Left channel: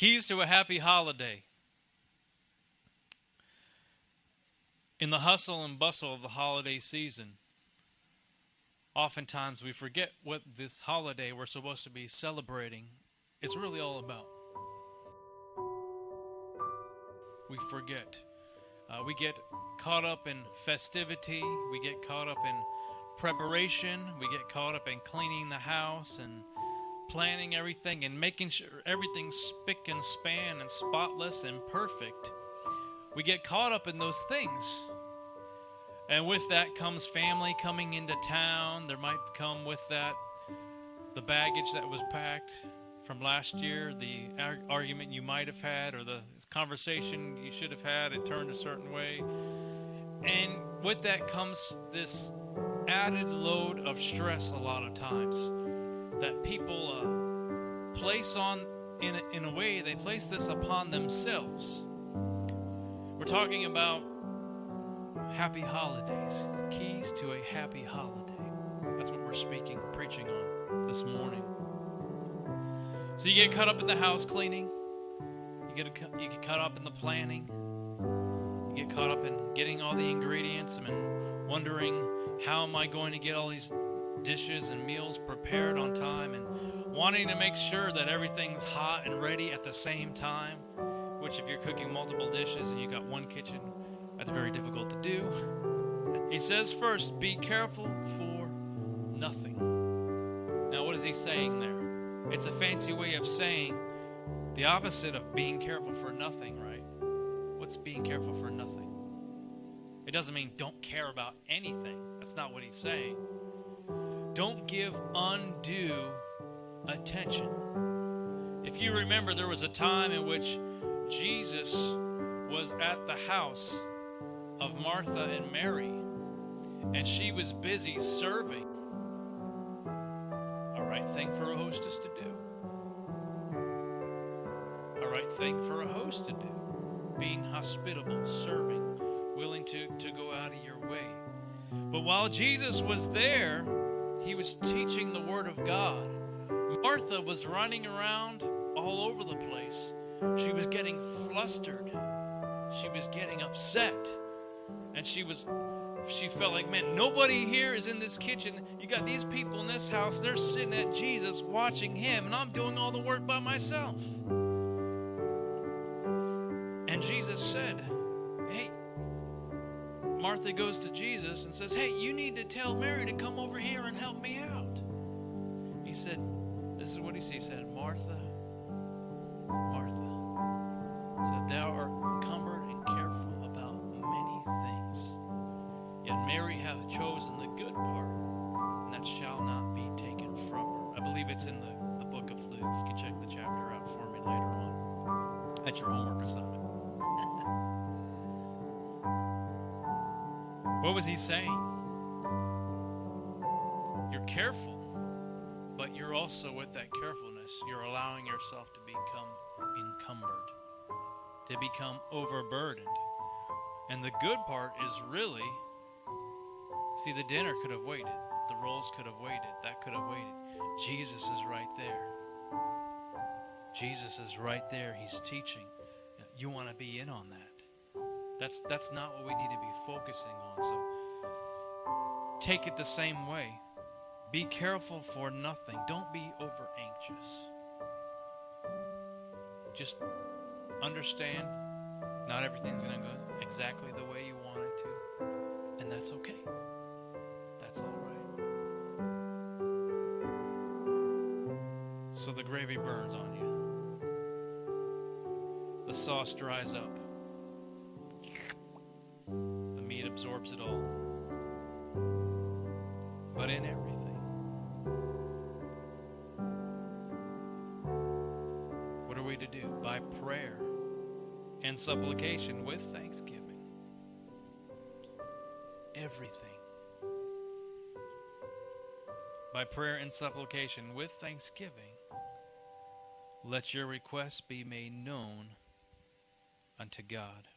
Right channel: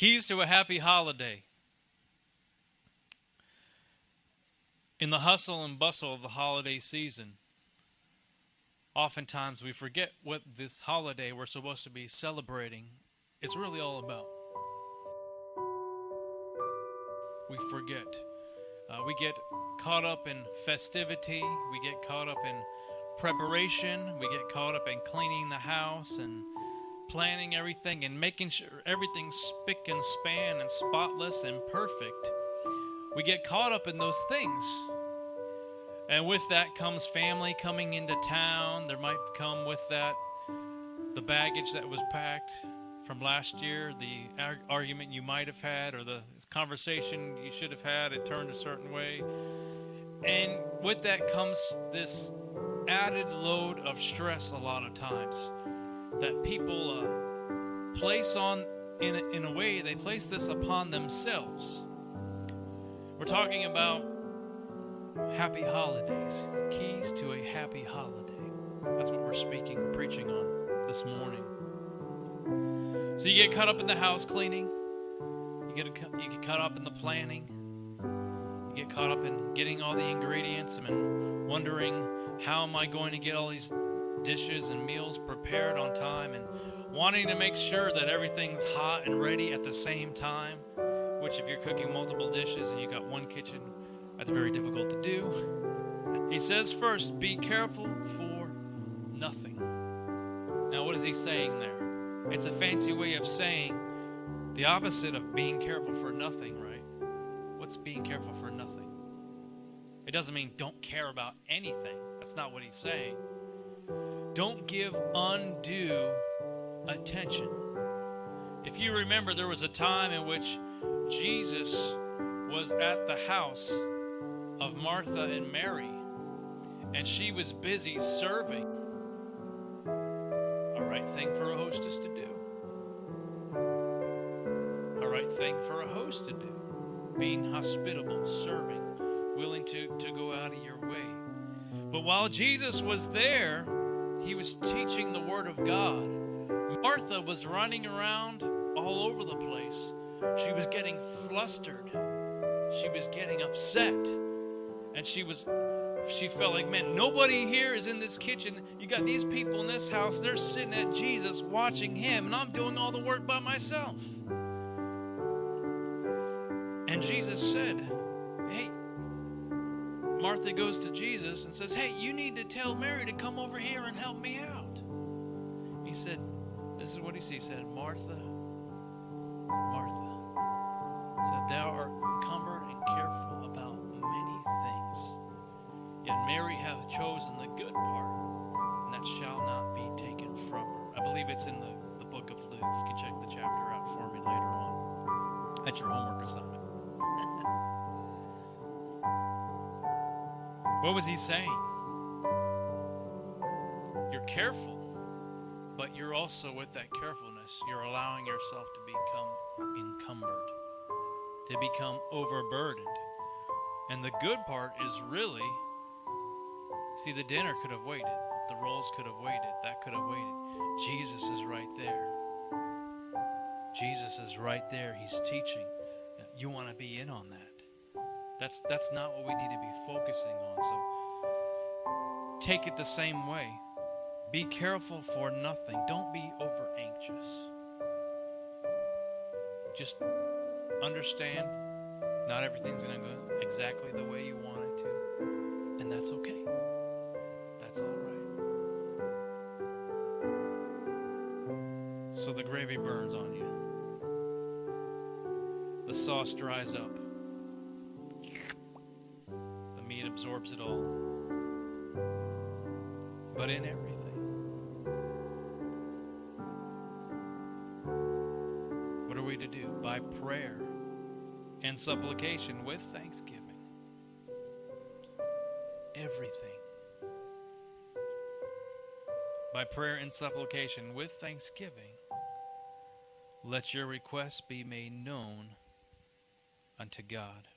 Keys to a happy holiday. In the hustle and bustle of the holiday season, oftentimes we forget what this holiday we're supposed to be celebrating is really all about. We forget. We get caught up in festivity. We get caught up in preparation. We get caught up in cleaning the house and planning everything and making sure everything's spick and span and spotless and perfect. We get caught up in those things. And with that comes family coming into town. There might come with that the baggage that was packed from last year, the argument you might have had, or the conversation you should have had, it turned a certain way. And with that comes this added load of stress a lot of times that people place on, in a way, they place this upon themselves. We're talking about happy holidays, keys to a happy holiday. That's what we're preaching on this morning. So you get caught up in the house cleaning, you get caught up in the planning, you get caught up in getting all the ingredients and wondering, how am I going to get all these dishes and meals prepared on time, and wanting to make sure that everything's hot and ready at the same time, which if you're cooking multiple dishes and you got one kitchen, that's very difficult to do. He says first, be careful for nothing. Now what is he saying there? It's a fancy way of saying the opposite of being careful for nothing, right? What's being careful for nothing? It doesn't mean don't care about anything. That's not what he's saying. Don't give undue attention. If you remember, there was a time in which Jesus was at the house of Martha and Mary, and she was busy serving. A right thing for a hostess to do. A right thing for a host to do. Being hospitable, serving, willing to go out of your way. But while Jesus was there, he was teaching the Word of God. Martha was running around all over the place. She was getting flustered. She was getting upset. And she felt like, man, nobody here is in this kitchen. You got these people in this house. They're sitting at Jesus watching him. And I'm doing all the work by myself. And Jesus said, hey, Martha goes to Jesus and says, hey, you need to tell Mary to come over here and help me out. He said, this is what he said, Martha, Martha, said, thou art encumbered and careful about many things. Yet Mary hath chosen the good part, and that shall not be taken from her. I believe it's in the book of Luke. You can check the chapter out for me later on. That's your homework assignment. What was he saying? You're careful, but you're also, with that carefulness, you're allowing yourself to become encumbered, to become overburdened. And the good part is really, see, the dinner could have waited. The rolls could have waited. That could have waited. Jesus is right there. Jesus is right there. He's teaching. You want to be in on that. That's not what we need to be focusing on. So take it the same way. Be careful for nothing. Don't be over anxious. Just understand not everything's going to go exactly the way you want it to. And that's okay. That's all right. So the gravy burns on you. The sauce dries up. The meat absorbs it all. But in everything, what are we to do? By prayer and supplication with thanksgiving. Everything. By prayer and supplication with thanksgiving, let your requests be made known unto God.